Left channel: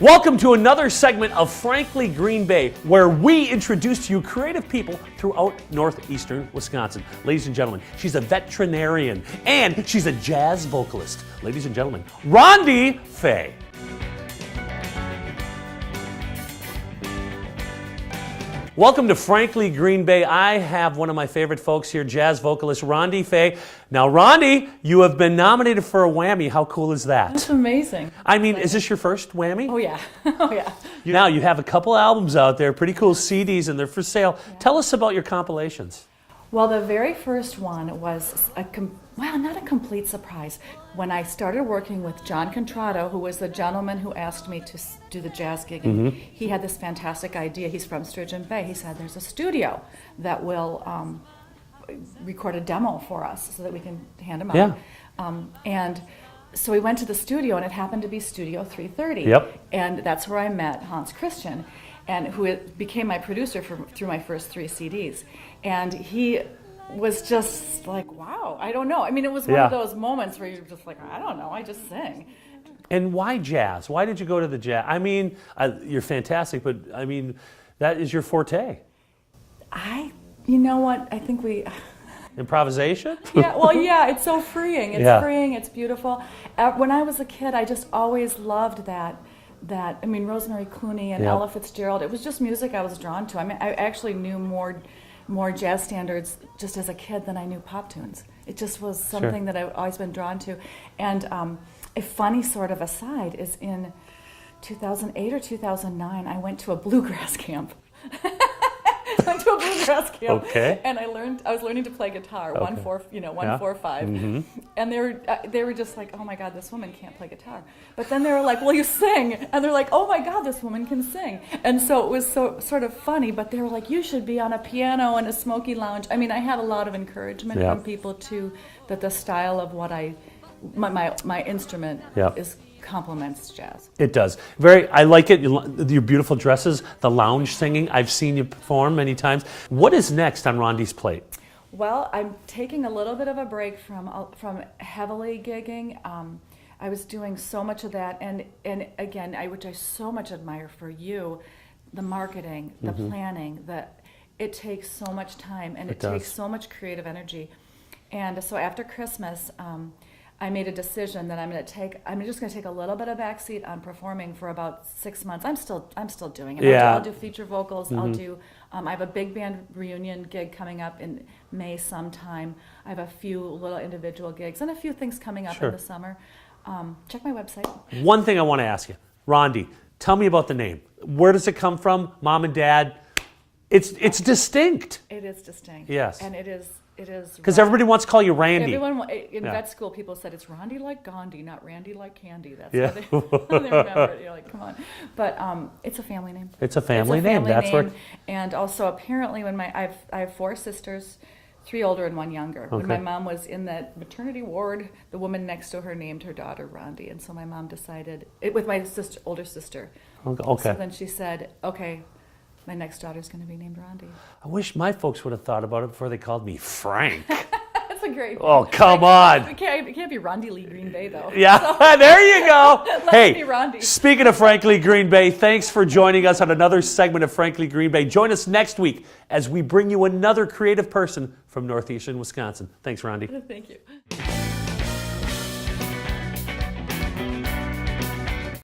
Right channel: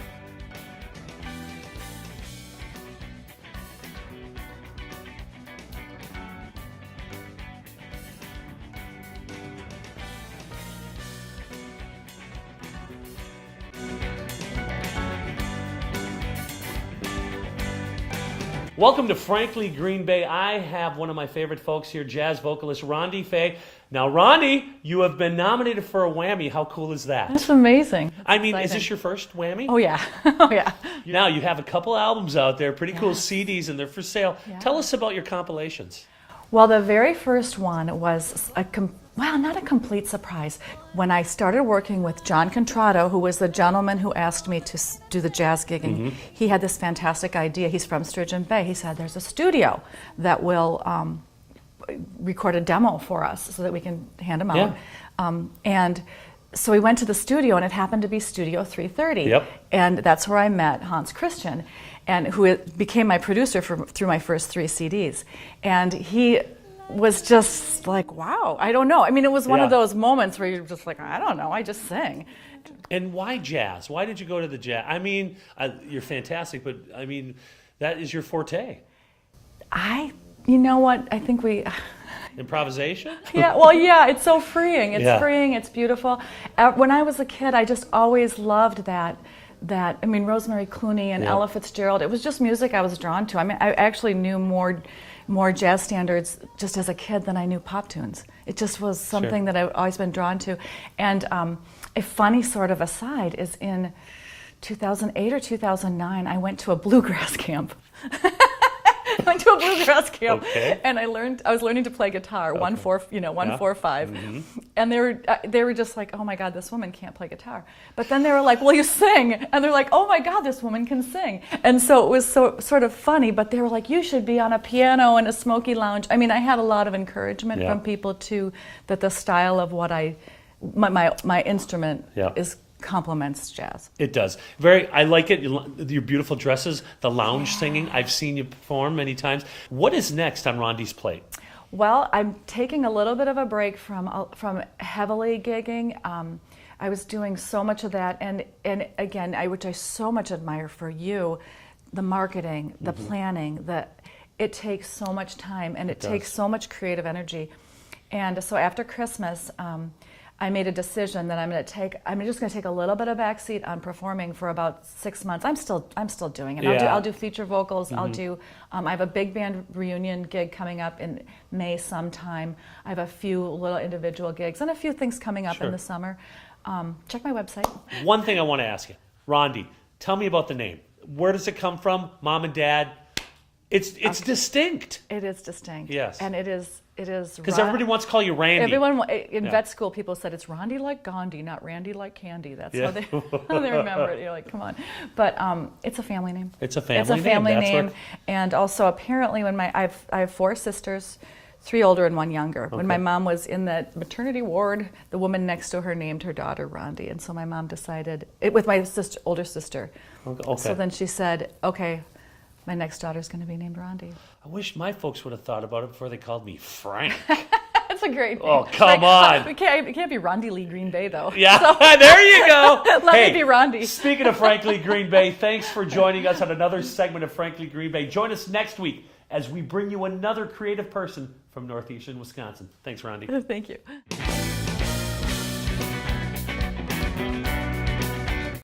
Welcome to another segment of Frankly Green Bay, where we introduce to you creative people throughout northeastern Wisconsin. Ladies and gentlemen, she's a veterinarian and she's a jazz vocalist. Ladies and gentlemen, Rändi Fay. Welcome to Frankly Green Bay. I have one of my favorite folks here, jazz vocalist Rändi Fay. Now, Rändi, you have been nominated for a Whammy. How cool is that? That's amazing. I mean, is this your first Whammy? Oh, yeah. Oh, yeah. Now, you have a couple albums out there, pretty cool CDs, and they're for sale. Yeah. Tell us about your compilations. Well, the very first one was not a complete surprise. When I started working with John Contrado, who was the gentleman who asked me to do the jazz gigging, he had this fantastic idea. He's from Sturgeon Bay. He said, there's a studio that will record a demo for us so that we can hand them out. Yeah. And so we went to the studio, and it happened to be Studio 330. Yep. And that's where I met Hans Christian, and who became my producer through my first 3 CDs. And he was just like, wow, I don't know. I mean, it was one of those moments where you're just like, I don't know, I just sing. And why jazz? Why did you go to the jazz? I mean, you're fantastic, but I mean, that is your forte. You know what, I think we... Improvisation? Yeah, it's so freeing. It's freeing, it's beautiful. When I was a kid, I just always loved that, I mean, Rosemary Clooney and Ella Fitzgerald, it was just music I was drawn to. I mean, I actually knew more jazz standards just as a kid than I knew pop tunes. It just was something that I've always been drawn to. And a funny sort of aside is in 2008 or 2009, I went to a bluegrass camp. Okay. And I was learning to play guitar, 1-4-5, and they were just like, oh my God, this woman can't play guitar. But then they were like, will you sing? And they're like, oh my God, this woman can sing. And so it was sort of funny, but they were like, you should be on a piano in a smoky lounge. I mean, I had a lot of encouragement from people too, that the style of what my instrument is complements jazz. It does. I like it. Your beautiful dresses, the lounge singing. I've seen you perform many times. What is next on Rändi's plate? Well, I'm taking a little bit of a break from heavily gigging. I was doing so much of that, and again, which I so much admire for you, the marketing, the planning, it takes so much time, and it takes so much creative energy. And so after Christmas, I made a decision that I'm just going to take a little bit of backseat on performing for about 6 months. I'm still doing it. I'll do feature vocals. I have a big band reunion gig coming up in May sometime. I have a few little individual gigs and a few things coming up in the summer. Check my website. One thing I want to ask you, Rändi, tell me about the name. Where does it come from? Mom and Dad? It's distinct. It is distinct. Yes. And it is because everybody wants to call you Rändi. Everyone in vet school, people said it's Rändi like Gandhi, not Randy like candy. That's how they remember it. You're like, come on. But it's a family name. It's a family name. That's name. And also, apparently, when I have 4 sisters, 3 older and 1 younger. Okay. When my mom was in that maternity ward, the woman next to her named her daughter Rändi, and so my mom decided with my older sister. Okay. So then she said, okay, my next daughter's going to be named Rändi. I wish my folks would have thought about it before they called me Frank. That's a great thing. Oh, come on. It can't be Rändi Lee Green Bay, though. Yeah, so, there you go. Let it be Rändi. Speaking of Frankly Green Bay, thanks for joining us on another segment of Frankly Green Bay. Join us next week as we bring you another creative person from northeastern Wisconsin. Thanks, Rändi. Thank you.